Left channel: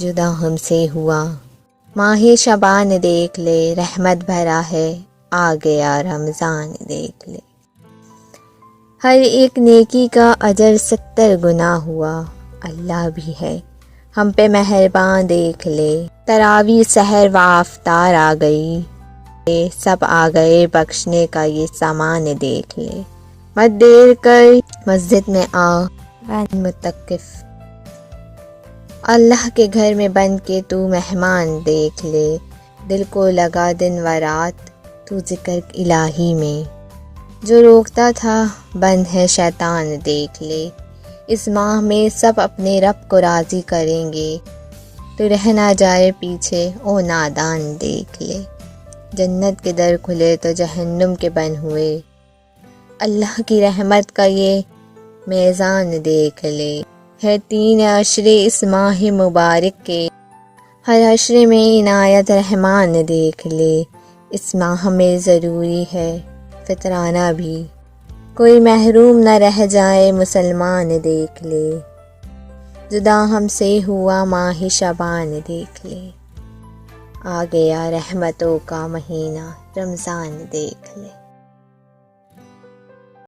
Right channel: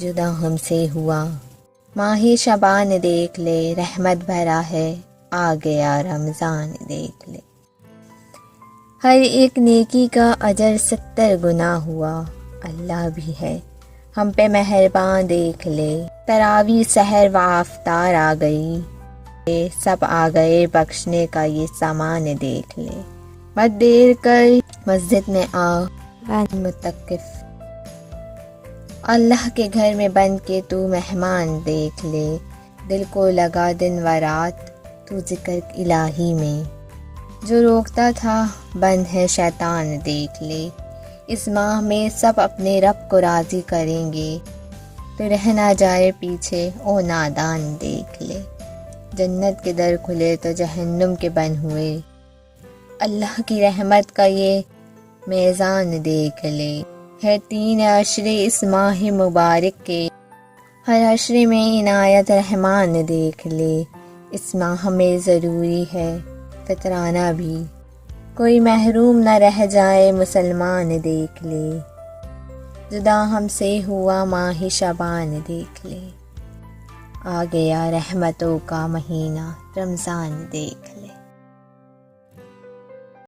جدا ہم سے ہوا ماہ شبان دیکھ لے، رحمت بھرا ہے آ گیا رمضان دیکھ لے۔ ہر ایک نیکی کا اجر 70 گنا ہوا، اللہ بھی ہے ہم پہ مہرباں دیکھ لے۔ تراویح سحر و افطار آ گئی، سب آ گئے بخشنے کا یہ سامان دیکھ لے۔ مت دیر کر مسجد میں آ متقف، اللہ کے گھر میں بن کے تو مہمان دیکھ لے۔ دل کو لگا دن و رات تو ذکر الہی میں، جو روکتا تھا بند ہے شیطان دیکھ لے۔ اس ماہ میں سب اپنے رب کو راضی کریں گے، تو رہ نہ جائے پیچھے او نادان دیکھ لے۔ جنت کے در کھلے تو جہنم کے بند ہوئے، اللہ کی رحمت کا یہ میزان دیکھ لے۔ ہے 3 عشرے اس ماہ مبارک کے، ہر عشرے میں عنایت رحمان دیکھ لے۔ اس ماہ میں ضروری ہے فطرانہ بھی، کوئی محروم نہ رہ جائے مسلمان دیکھ لے۔ جدا ہم سے ہوا ماہ شبان دیکھ لے، آ گیا رحمتوں کا مہینہ رمضان دیکھ لے۔